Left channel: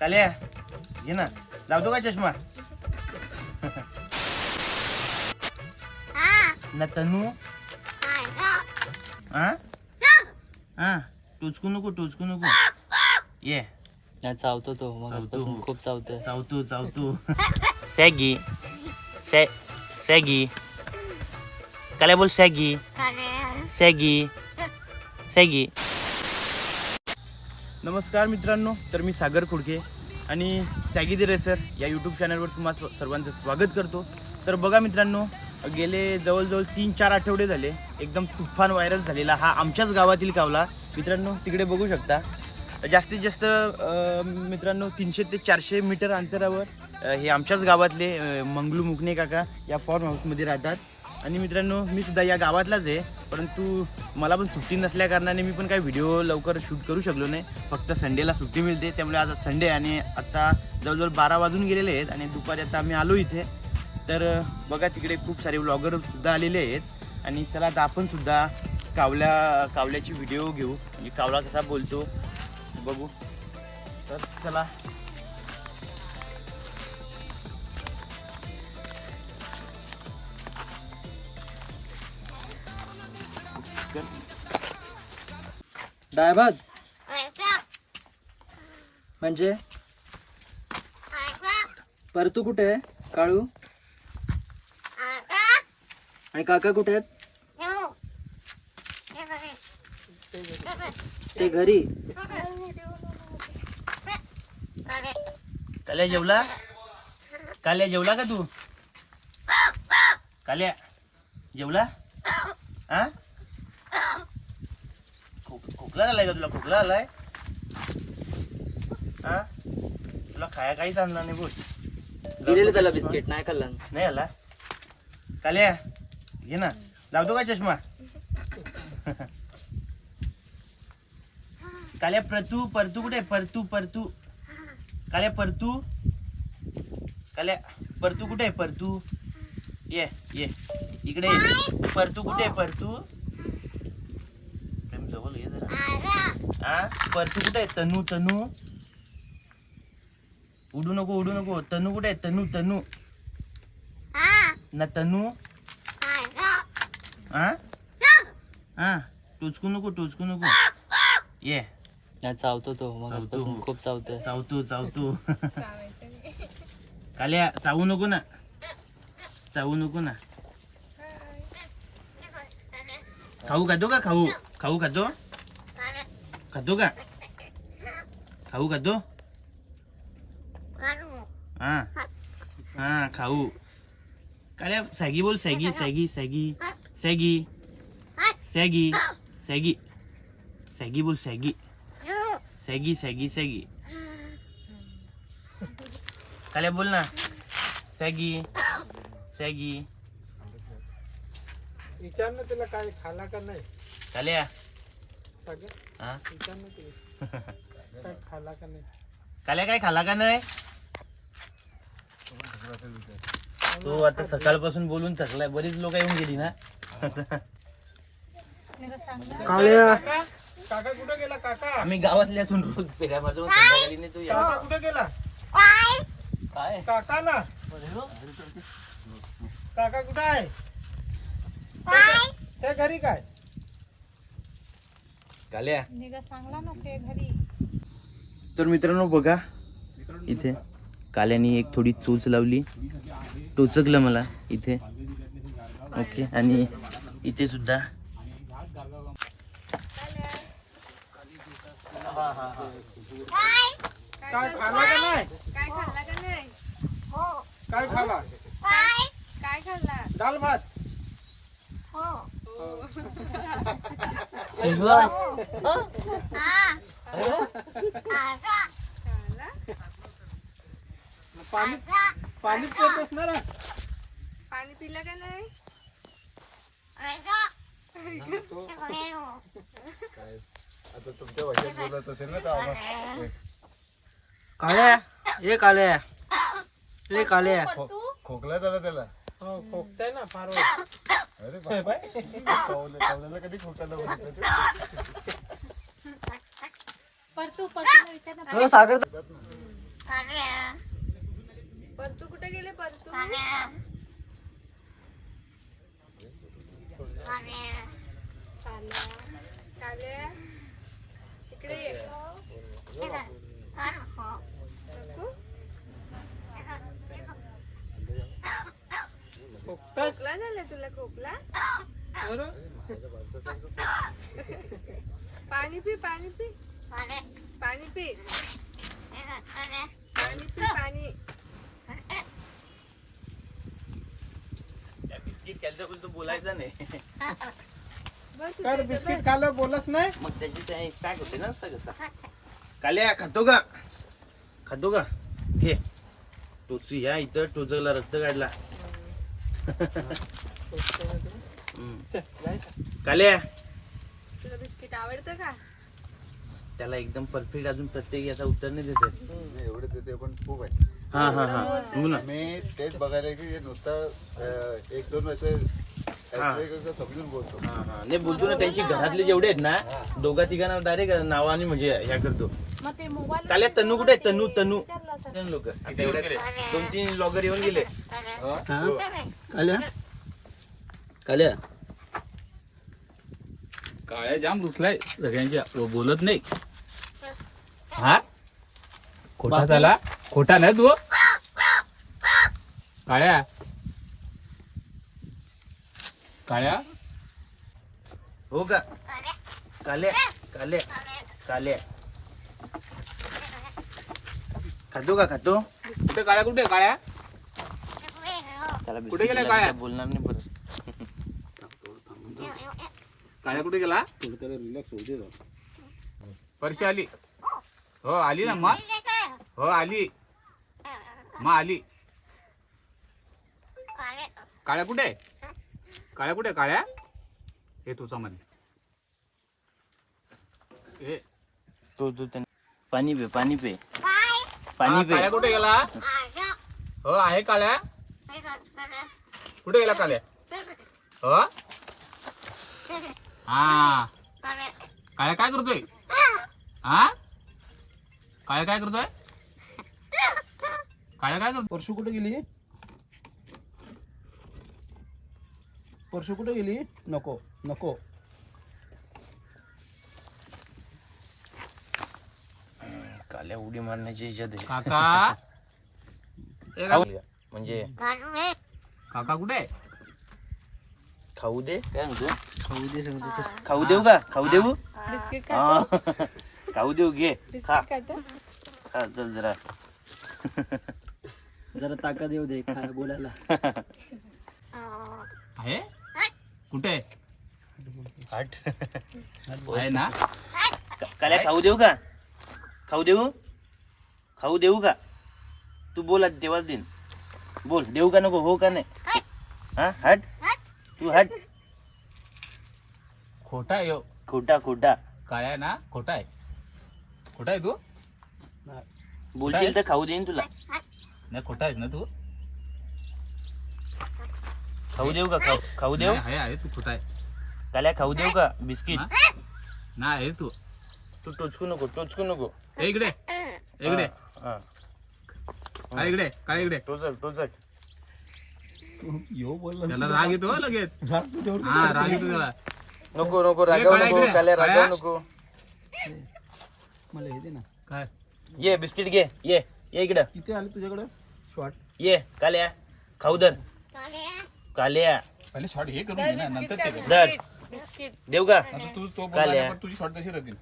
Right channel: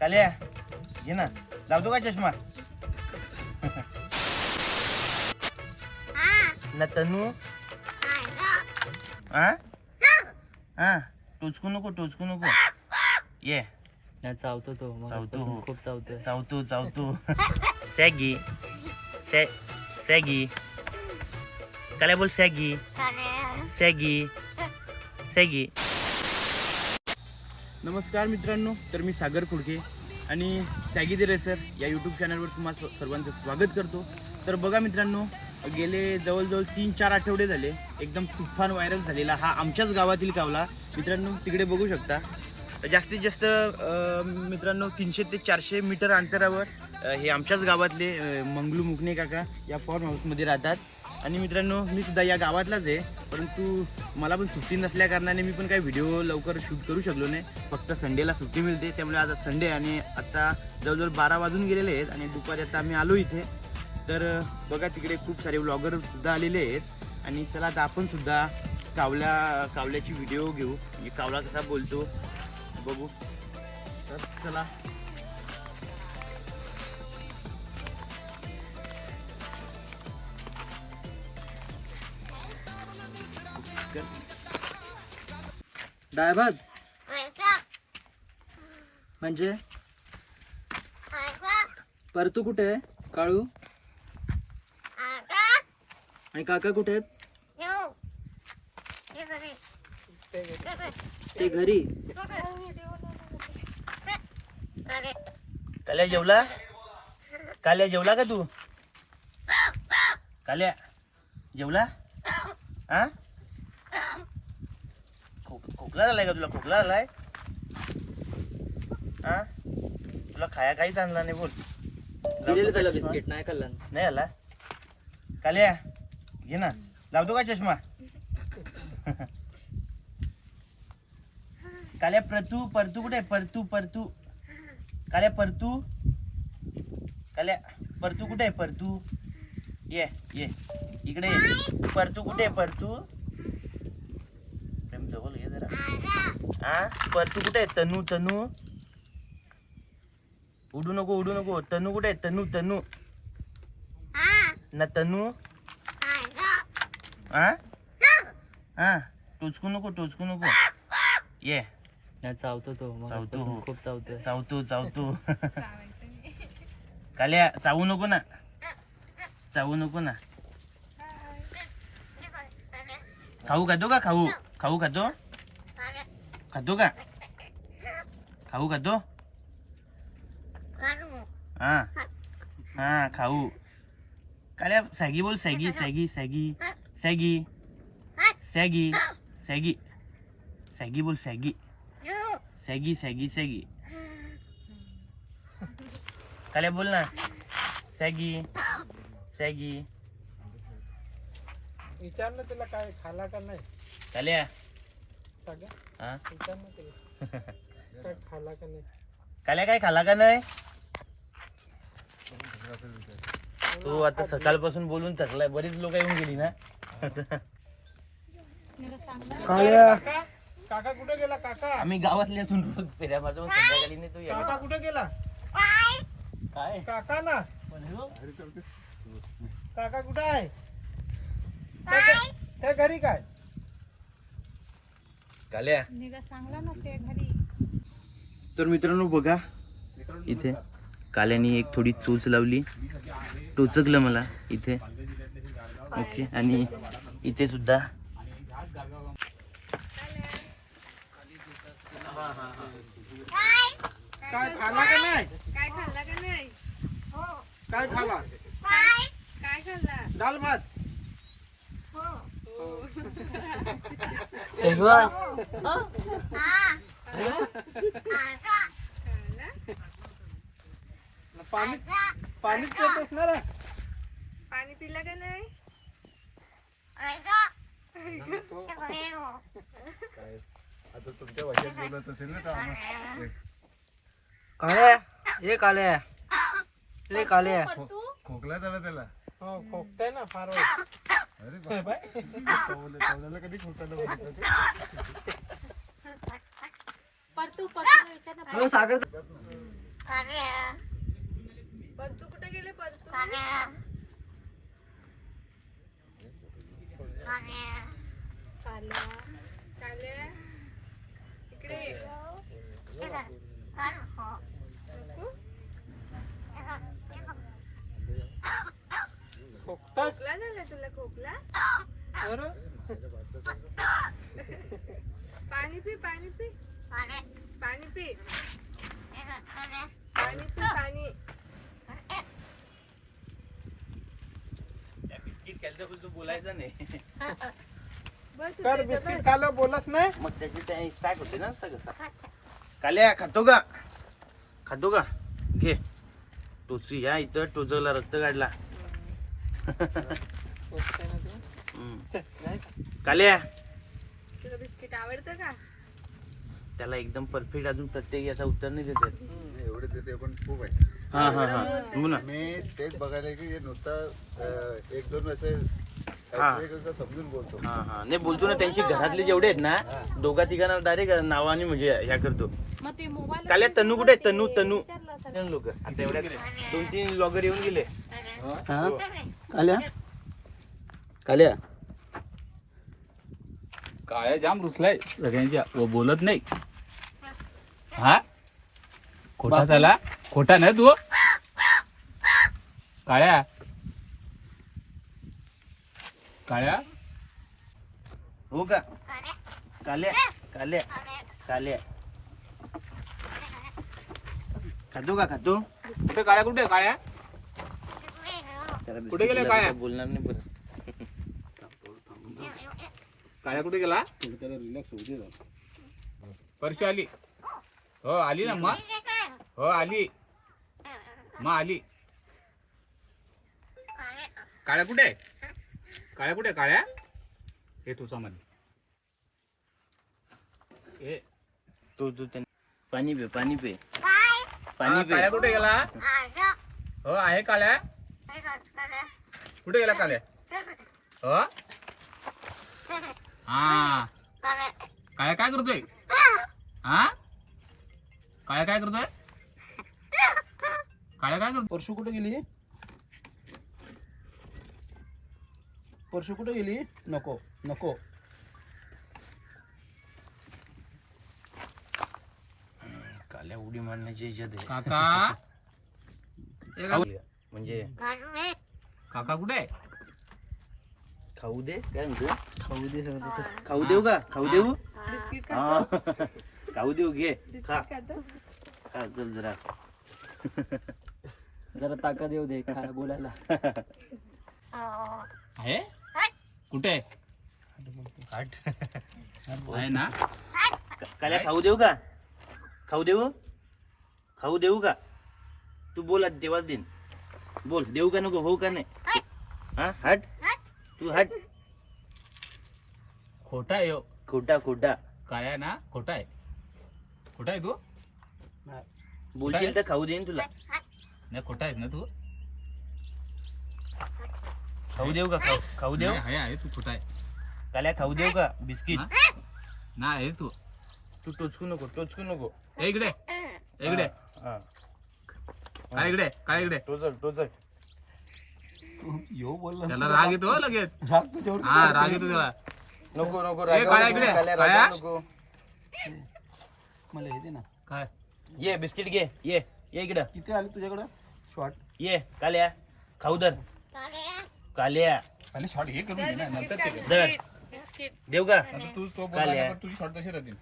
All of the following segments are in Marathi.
काल्या घे ना. लावतो का चष्मा ना तनू? हा. हा? टोचकू नको टोचकू नको. ये. नाही चावतो तो. चावतो. खूप चावतो चावतो चावतो. सॅगी. सॅ सॅगी. काल्या बोल सॅगी. सॅगी. सॅगी. नमस्कार मित्रांनो तर मी सागर खुडके आणि सॅगी दे रेसर या यूट्यूब चॅनलवर तुम्हा सर्वांचं स्वागत करतो. तर बघा मित्रांनो गेले जवळजवळ तीन चार आठवडे झाले एकदम तुफान व्हायरल झालेला हा आमच्याच गावातील कावला. मित्रांनो तिकडे बघू शकता. जास्तीत जास्त मित्रांनो तीनशे ते चारशे मीटर अंतरावर हे आमच्याच गावातले मंगलू मुकणे काका या फॉर्म हाऊसमध्ये राहतात. आणि मित्रांनो मी सुद्धा या गावातलाच आहे. परंतु मला पण सुट्टी नसल्या कारणाने मी पण काही व्हिडिओ लवकर शूट करू शकलो नाही. फक्त संडेला सुट्टी मिळते. त्यामुळे आता संडे आणि आत्ता जवळजवळ बारा वाजून गेलेले आहेत आणि दुपारी आता आम्ही आलो इथे. तर बघा तिकडे खूप सारे ब्लॉगरसुद्धा आलेले आहेत. आणि चला आता आपण सुद्धा कावल्या कावल्याची व्हिडिओ घेऊ. म्हणजे कावला कसा बोलतो बघू. तर चला. डायबाद म्हणजे? परतू कुठे आहे? काळू? आणि काका कुठे आहेत? ते घरी. काल्या जेवला? काल्या जेवला का तू? काल्या जेवला? हा खोक खोकला आलाय का तुला? खोकला आलाय हा? तुला खाया काहीच आणला नाही बोल. दिलेलं त्याला बिस्किट? नाही खाल्लं. नाही आला? काल्या घे ना. लावतो का चष्मा? काल्या प्रतू परतू कुठे? परतू परतू. काल्या परतू. काल्या परतू कुठे? आहे परतू. ये ये. इकडे ये. परतू कुठे? आहे परतू प्रेम जवळ ये जरा हा? परतू कुठे आहे? तनू तनू. उडू नको उडू नको. तनू कुठे आहे? तनू तनू. ना तनू. हा? हा? टोचकू नको टोचकू नको. ये. नाही चावतो तो. मग चावतो. खूप चावतो चावतो चावतो. काल्या चावू नको ना. चावू नको ना. खाऊ खातो का? खाऊ. खाऊ खातो? खातो का खाऊ खातो हा हा खाऊ काल्या सॅगी बोल Saggy Saggy Saggy Saggy Saggy Saggy Saggy बोल सॅगी सॅगी सॅगी सॅगी काल्या बोल ना सॅगी सॅगी विचार ना तिला काय खाला का नाही काल्या हा? विचार ना तिला काय खाला का नाही काल्या काय खाला का नाही? तो आता सकाळपासून बोलून थकलाय. बरीच लोक येऊन गेली ना? काळ्या काका कुठे गेला? काका. आम्ही गावातले असून रोज फेऱ्या मारतो पण संध्याकाळी नाही तो काका या कुठे गेला? काय? काका ना. काका कुठे आहे? त्या घरी काय? काल्या? निघा सांगला ना ते घरी. तर मित्रांनो बघा इथे काल्यानी एक थोडी चोच लावली. टोचकलं मला इथे. ओके आणि इथे सुद्धा. काय? खाला का नाही? काय खाल्ला का नाही? काय खाला काय खाल्ला दाल भात पाणी पाणी पित असणार आहे? पाणी पिलं का नाही? काळ्या ये काळ्या ये काळ्या खोकला झाला त्याला. हो खोकताय ना फार अरे हे बाय कौलाला कधी? परतू परतू विचार ना सागर. परतू कुठे गेले परतू काल्या. काल्या. इकडे ये नको? खोकला? झाला तुला खोकला? पाणी पी पाणी पी. पाणी. पी. पाणी पी पाणी. बिस्किट केलं बोलायचं नाही. बस काय रे, इथे बिस्किट बस. खायला बोललाच नाही. मग त्याची त्या होते ना सगळं काल्या खातो का? खातो का? घे. टोची या इथं टोचला रक्त काढला. काल्या. तुला बिस्किट आवडतं का? त्याला एकदम परफेक्ट अजून प्रत्येक याचा उत्तर नाही देत. एवढे देते पण खूप आहे. हा हा हा. हो ना. मी तेच बघायला की हे नुसतं अं, एक दोन असे हा. समजून बोलतो. हा हा. नाही बोलतो ना त्यांची घरातले जेवढे आहेत ना दोघा तिघांना डायरेक्ट नावाने म्हणजे ह्या करतो. काल्या तनू कुठे आहे? तनू तनू. लोक. दोन तीन ब्लॉगर येऊन गेले. काल्या? काल्या? काळ्या जाम रुसलाय सगळ्यांच्या. व बोलत नाही. हा? खोटा झाला? खोटा नाही तू? काळ्या काळ्या? हो का? काल्या काल्या काल्या. खातो का खातो? कुठे काळ्या कुठे काळ्या? त्याला कुठे गेले? लागलं, बोलणार नाही परत. काळ्या कुठे गेला? त्याला रिलॅक्स होऊ दे परशी आली. हो आली ना मग. हो आली. मग आली. काळ्या कुठे? काळ्या कुठे काळ्या? हे तुझा मध्ये हे. तो तो त्याने पाणी पे पाणी पे. हा, पाणी पे. काळ्या कुठे गेला? हो आहे काळ्या. कुठे गेला काळ्या? हो? हा. काळ्या. काय करतोय? हा? काळ्या काय करतोय? काळ्या काय करतोय? परशू कुठे गेली? परशू कुठे गेली? नको नको. काल्या उडी मारण्याची आहे. काका? ए खाऊ का- म्हणजे काका कुठे? आहे? खाऊ दे. काय म्हणतो? खाऊ दे सगळं खाऊ देऊ का? खाऊ देऊ? बिस्किट हा. खाऊ देऊ घे. खा. बिस्किट खातो. खा चल जरा. जरा ताकद येऊ दे खा बोलायला. आहे? कुठे आहे? ना? का- काल्या खाऊ देऊ का? खाऊ देऊ? खाऊ देऊ का? तू बोल आज देवाला देईन बोल देऊ का नको हो का नाही? हा हट. तू हट. खोटा आहे. खोटा खोटा. काय आहे ना? खोटा आहे. खोटा आहे तू? बोलशील तर खाऊ देईन तुला. नाही खोटा आहेस ना तू? खाऊ देऊ का? खाऊ खाऊ देऊ? नाही, आहे आहे तू खोटा आहे? काल्या खाऊ देऊ का? बिस्किट? हा? नाही आहे तू. तू टोचकू नको टोचकू नको. ए, इकडे. इकडे. हा काय इकडे काय इकडे? टोचक टोचक बोलला त्याला राग येतो हो लगेच. राग तुझ्यावर हा राग येतो त्याला. नको नको रागावू नको इकडे. काल्या रागावू काळ्या. नको. मला हे दे ना. काय? ये बिस्किट घे ये ये इकडं. किती आले तुझ्याकडे? शॉर्ट ये काल्या खाऊ दर. काल्या. पहिले शॉर्ट हे करून घे ना नंतर ते कर. दर. देऊ का? आता तू तो काल्या. तुझी कशी राहतील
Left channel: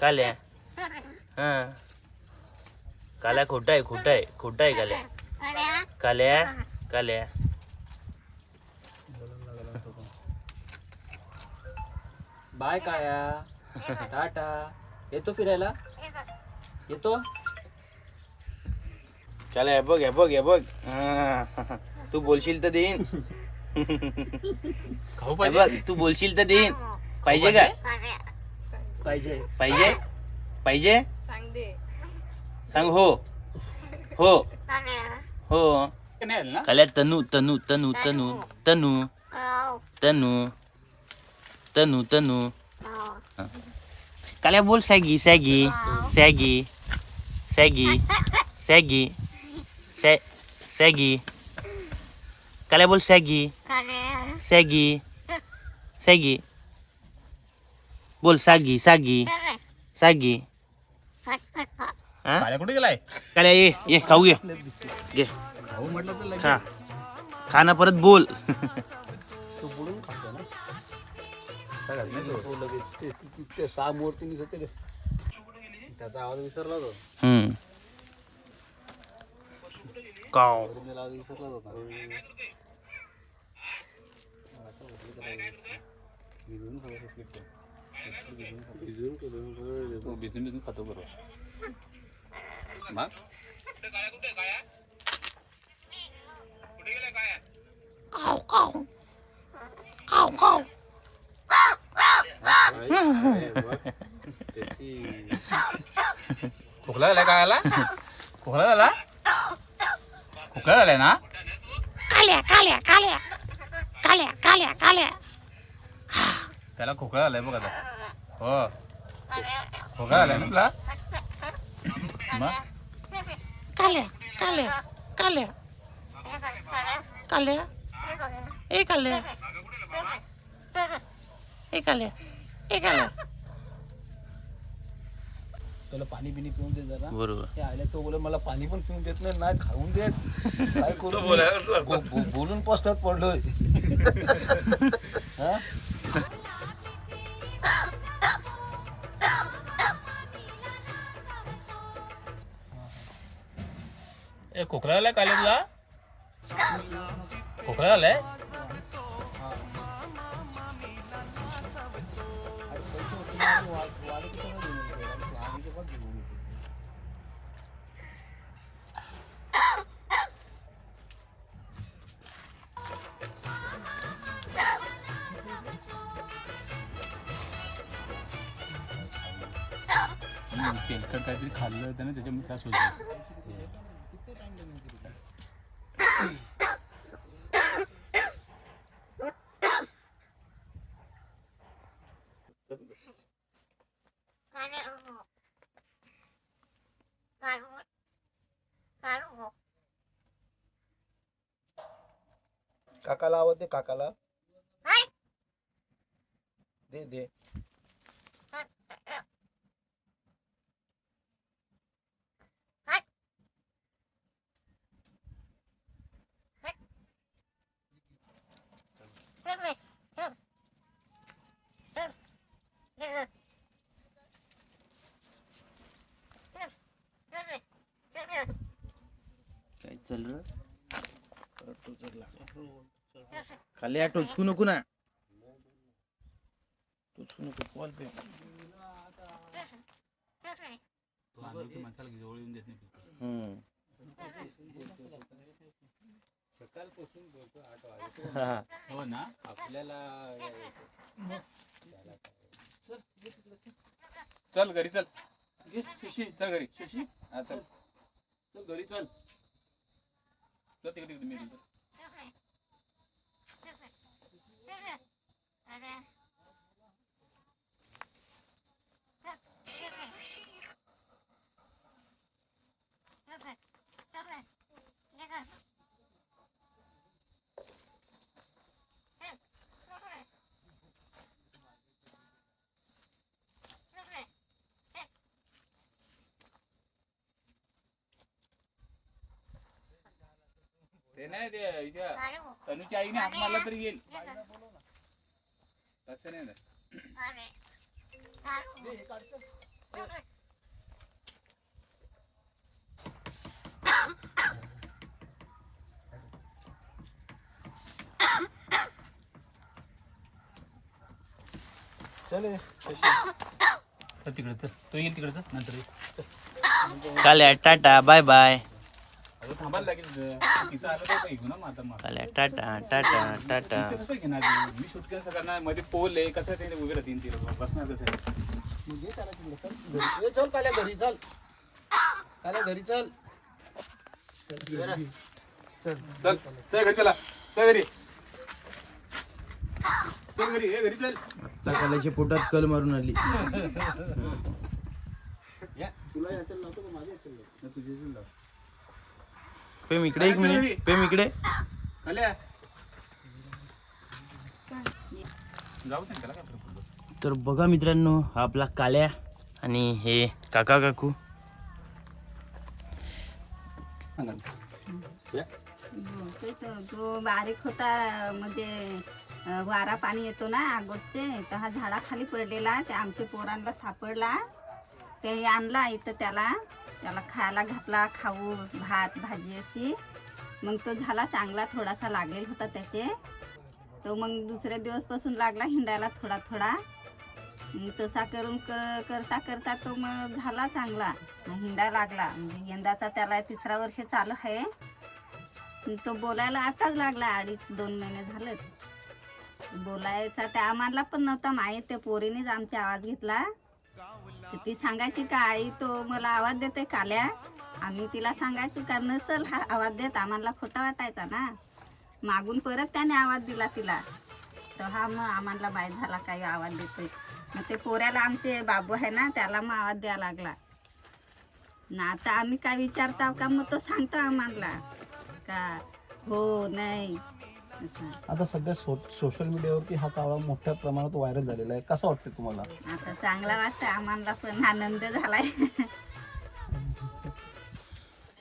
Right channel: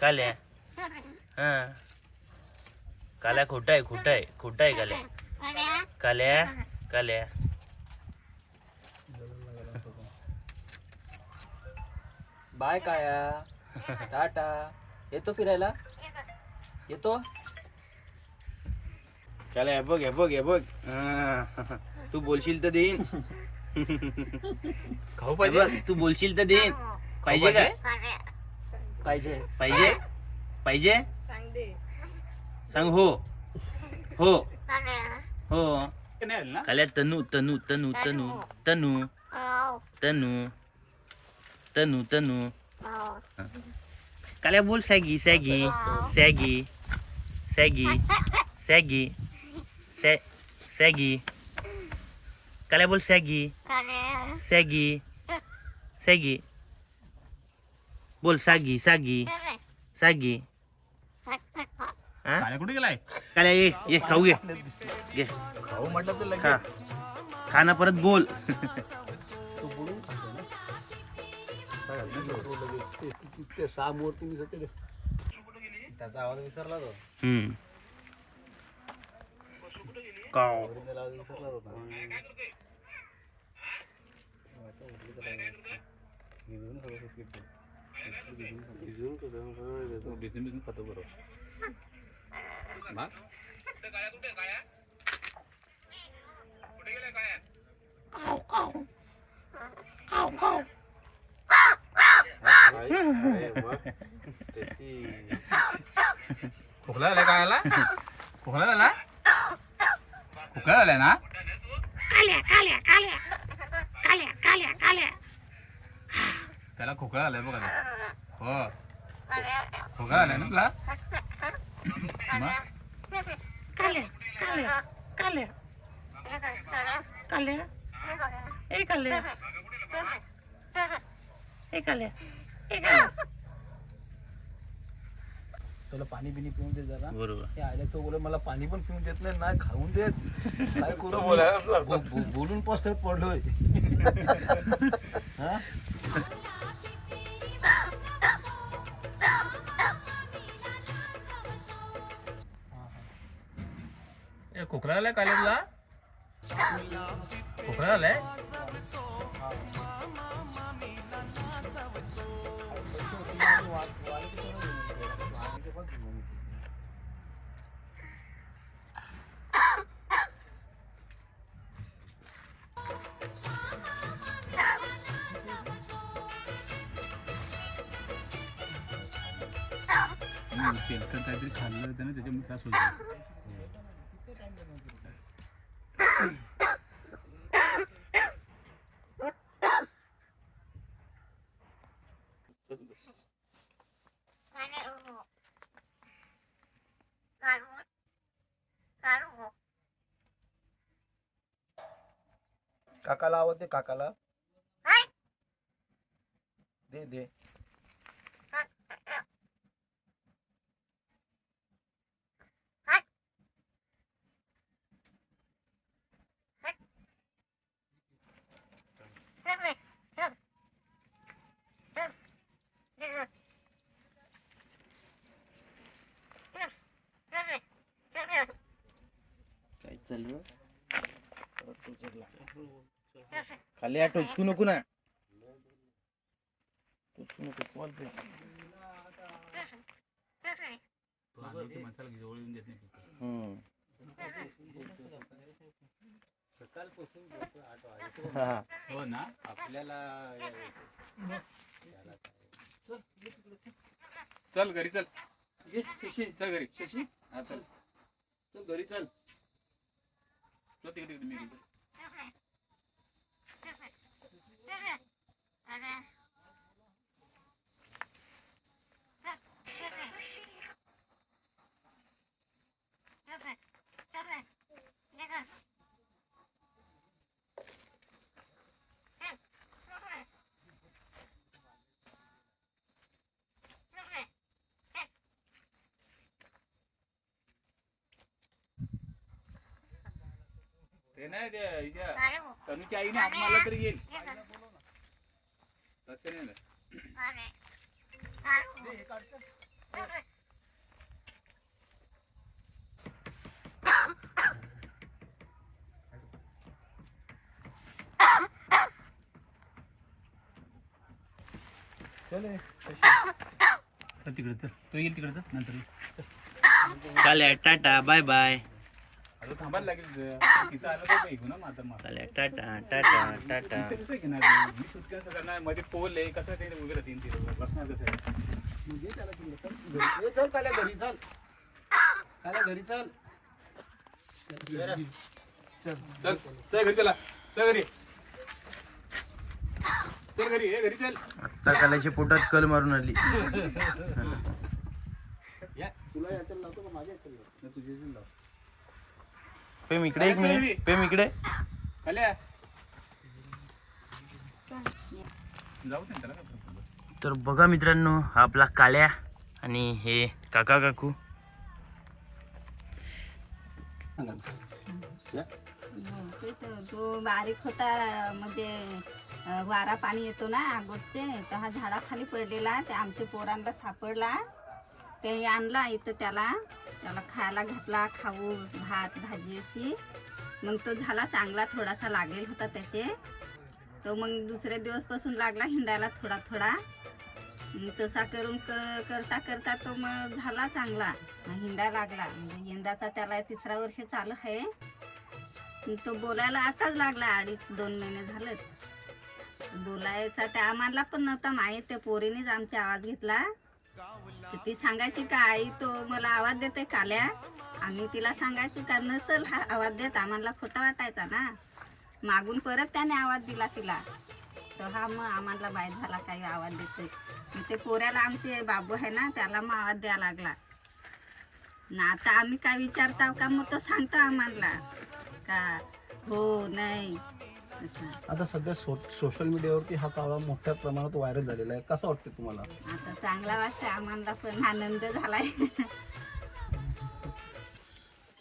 काल्या. हा. काल्या खोटा आहे खोटा आहे खोटा आहे काल्या. काल्या काल्या. बाय काळ्या टाटा. येतो फिरायला? येतो? काल्या हे बघ हे बघ हे बघ. हा. तू बोलशील तर देईन. खाऊ हे पाहिजे? बघ तू बोलशील तर देईन. पाहिजे का? पाहिजे? पाहिजे? पाहिजे? सांग दे सांग हो. हो. हो. नाही आलं ना काल्या तनू तनू तनू तनू तनू तनू तनू तनू. हा. काल्या बोल Saggy Saggy Saggy Saggy Saggy. सॅ सॅगी काल्या बोल सॅगी सॅगी सॅगी बोल सागी सागी सागी हा काळ्या कुठे गेलाय? काल्या ये ये खाऊ घे घे. भाऊ म्हटलं तर खा खा. ना परत बोल. रे. त्याचा आवाज विसरला तो हम्म काव त्याला आवाज विसरला होता भिजवून खाऊ बिस्किट भिजवून तो बिझनेस बिझनेस खातो बरोबर मग खोकला झाला काय आला खोकला झाला झालाय ना? त्याला खोकला झालाय बघ हो. खोकला झालाय ना तुला? मग? काल्या काल्या काल्या. काल्या. ए काल्या. ए काल्या. ए काल्या. त्याला पाणी बिनी पिऊन दे जरा. बरोबर. हे आल्या तो बोले मला पाणी पण पिऊन देत नाही नाही खाऊन देत. काय करू मी? बो- बो- बोलून पसरत पडलोय. हा? ए खोकला झालाय काल तुला खोकला झालाय पैसे होते ना, येतो? आम्ही तेव्हा घेऊन येतो. हम्म, तेलकट काहीतरी खाल्लं होतं ना त्याच्यामुळे त्रास होतो काकाला आवाज दे काकाला दे दे काय चल र खाली टोचकू नको ना. टोचकू नको कॉल पे माणसाला हो ना आपल्याला चल घरी चल. घे, शशी चल घरी. शशी? हा चल. चल घरी चल. चल तिकडे तिकडे. मी तिकडे. ते नाही ते हिच्या तनुच्या आईने हात मारला तरी येईल तसे नाही ना चल शशी चल तिकडे चल. तो येईल तिकडे चल. नंतर. चालेल टाटा बाय बाय अगं थांबायला लागेल तिथं तिथं आलं तर काही ना माझा मार चालेल टाटा टाटा टाटा. इथे कसं घेणार मी? मध्ये पोल आहे. कसं ते उभे राहतील ते बसणार कसं आहे? मग दे त्याला तिकडे चल घरी. ए, चल काल्या घरी चल. काल्या घरी चल. चल चल घरी चला. चल घरी. चल घरी ये घरी चल. आता काल्याच्या पोटात कल मारून आली. या प्रेम इकडे एक मिनिट प्रेम इकडे काल्या जाऊ दे त्याला काय फरक पडतो. तर बघा मित्रांनो हा आपला काल्या आणि हे काका काकू. तो तो- तो बारीक होता म्हणजे वारा पाणी येतो ना आगोटचे तर हा झाडाखाली पडलेला ते आमच्या पोरांना सापडला. ते आणला इथं त्याला. त्याला खायला घातला खाऊ भात भाजी अशी. मग तो झाला चांगला थोडासा लागेल होता त्याचे. तो मग दुसऱ्या दिवसपासून लागला हिंडायला थोडा थोडा. तसा करून क- करता करता तो मग झाला चांगला. हिंडा लागला. म्हणजे यंदाचा त्याला तिसरा वर्ष चालू आहे. तो बोलायला आताच लागला अडीच दोन महिने झालं बोलायचा त्या आम्हाला पण नव्हता माहीत. त्या पोरीनेच आमचा आवाज घेतला. ती सांगायची का आई तो मला आवाज देते काल्या. आम्ही तिला सांगायचो का नसल हा आवाज देत आम्हाला खोटा वाटायचा ना. मागून परत त्याने आवाज दिला तिला. तर हा मग आम्हाला माहीत झाला काही आवाज देतोय. मग ते पोऱ्याला आमचे बाबू आहे ना त्याला मग आवाज द्यायला लागला. ना आता आम्ही काय विचारता का मग तो सांगतो आम्हाला. का हो नाही. आता सध्या सो सोशल मीडियावरती हा कावळा मोठ्या प्रमाणात व्हायरल झालेला आहे. कसं वाटतं तुम्हाला? आता चांगला वाटतं आम्हाला पण आनंद झालाय.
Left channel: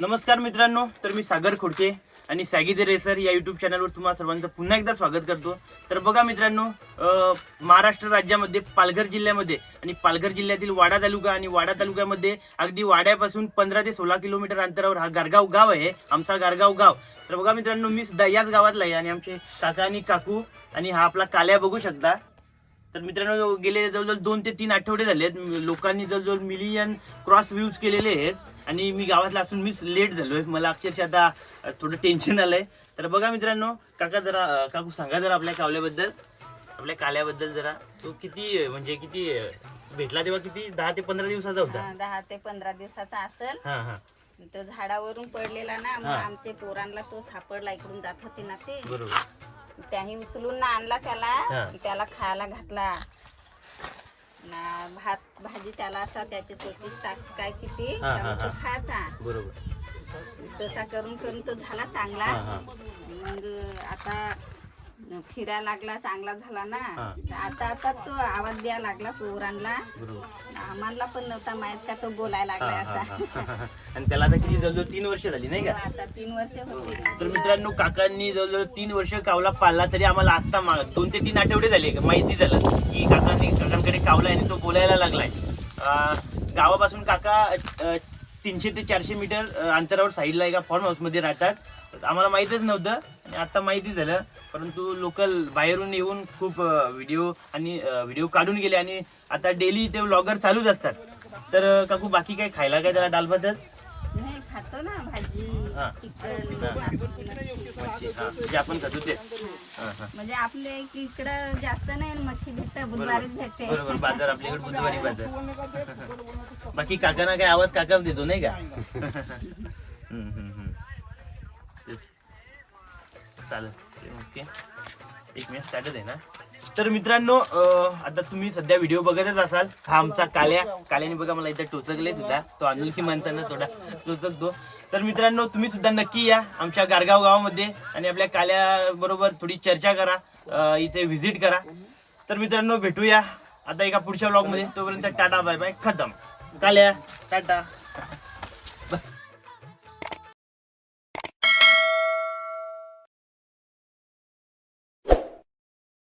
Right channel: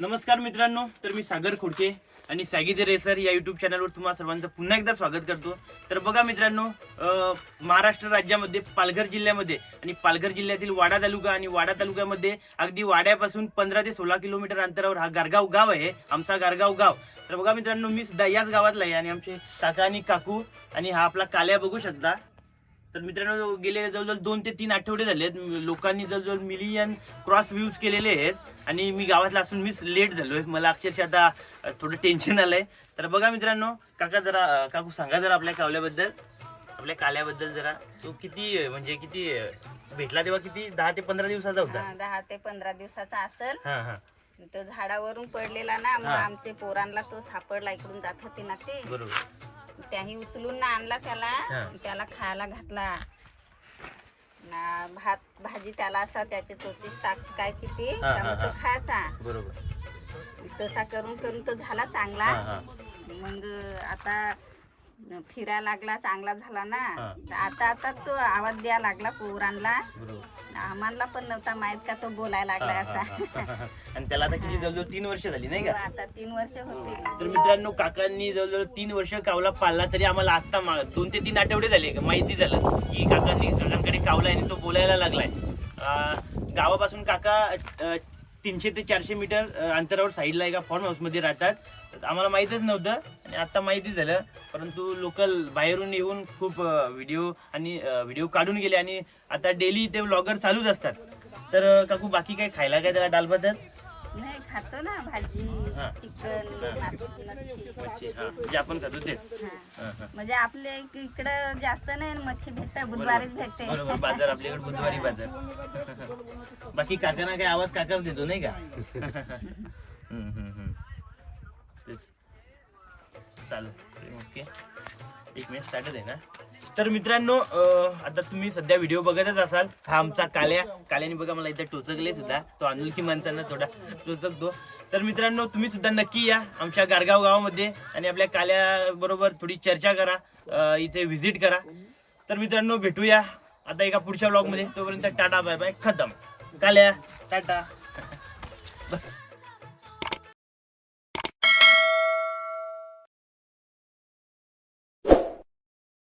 नमस्कार मित्रांनो तर मी सागर खोडके. आणि सॅगी द रेसर या युट्यूब चॅनलवर तुम्हाला सर्वांचं पुन्हा एकदा स्वागत करतो. तर बघा मित्रांनो महाराष्ट्र राज्यामध्ये पालघर जिल्ह्यामध्ये आणि पालघर जिल्ह्यातील वाडा तालुका आणि वाडा तालुक्यामध्ये अगदी वाड्यापासून पंधरा ते सोळा किलोमीटर अंतरावर हा गारगाव गाव आहे आमचा गारगाव गाव. तर बघा मित्रांनो मी सुद्धा याच गावातला आहे आणि आमचे काका आणि काकू आणि हा आपला काल्या बघू शकता. तर मित्रांनो गेले जवळजवळ दोन ते तीन आठवडे झाले आहेत लोकांनी जवळजवळ मिलियन क्रॉस व्ह्यूज केलेले आहेत. आणि मी गावातला असून मीच लेट झालोय. मला अक्षरशः आता थोडं टेन्शन आलंय. तर बघा मित्रांनो काका जरा काकू सांगा जरा आपल्या कावल्याबद्दल. आपल्या काल्याबद्दल जरा. तो किती म्हणजे किती भेटला तेव्हा किती? दहा ते पंधरा दिवसाचा होता. दहा ते पंधरा दिवसाचा असेल. हा हा. तो झाडावरून पडलेला ना मग. आमचे पोरांना तो सापडला इकडून जात होते ना ते. बरोबर. त्याही उचलून ना आणला. त्याला. त्याला खायला घातला. ना भात भाजी त्याला असा त्याची चोचीच टाकायची ती हा, हा, तो हा. खायचा. बरोबर. तसा करून करून तो झाला चांगला. हा हा. मग आता फिरायला लागला चांगला झाला ना. हा. तर आता आता तो आवाज द्यायला लागला पोरांना. बरोबर. आम्हाला पण नव्हता माहीत का तो बोलायला हा, लागलाय हा, असा. हा, हा. आणि त्याला आता किती जवळजवळ तीन वर्ष झाली नाही का? आता तीन वर्ष होतील तर मित्रांनो काकांनी जवळजवळ तीन वर्ष कावला पाळला तरी आम्हाला आत्ता मा- दोन ते तीन आठवडे झाले का माहिती झालं की काकांनी काकांकडे कावला आणि तो बोलायला लागलाय. गावापासून काका तीनशे ते चारशे मीटर अंतरावर साईडला एका फार्म हाऊसमध्ये राहतात. आम्हाला माहीतच नव्हतं आणि आता माहिती झालं. परंतु लोकल बाहेरून येऊन खूप व्हिडिओ आणि व्हिडिओ काढून गेले आणि आता डेली ते व्लॉगर चालूच असतात. तर काकू बाकी काय खायला काय त्याला डालभातात नाही खातो ना भाजी. चिकन मच्छी हा. जे आपण खातो ते. हा. हा हा. म्हणजे आपल्या इक- इकडं जास्त नाही ना मच्छी भेटते बुधवारीच भेटते. बरोबर. बाजार आपल्याकडे बुधवारी बाजार. बाकी काकांना काय आवाज काकाच देतो नाही का? हम्म, हम्म, हम्म. तेच. चालेल. ओके. एक मिनिट स्टार्टच आहे ना? तर मित्रांनो आता तुम्ही सध्या व्हिडिओ बघतच असाल. हा आमचा काल्या. काल्याने बघा मला इथे टोचकले सुद्धा. तो अनोळखी माणसांना थोडा टोचकतो. तर मित्रांनो तुम्ही सुद्धा नक्की या आमच्या गारगाव गावामध्ये आणि आपल्या काल्या बरोबर थोडी चर्चा करा. इथे व्हिजिट करा. तर मित्रांनो भेटूया. आता एका पुढच्या ब्लॉगमध्ये तोपर्यंत टाटा बाय बाय खतम. काल्या टाटा.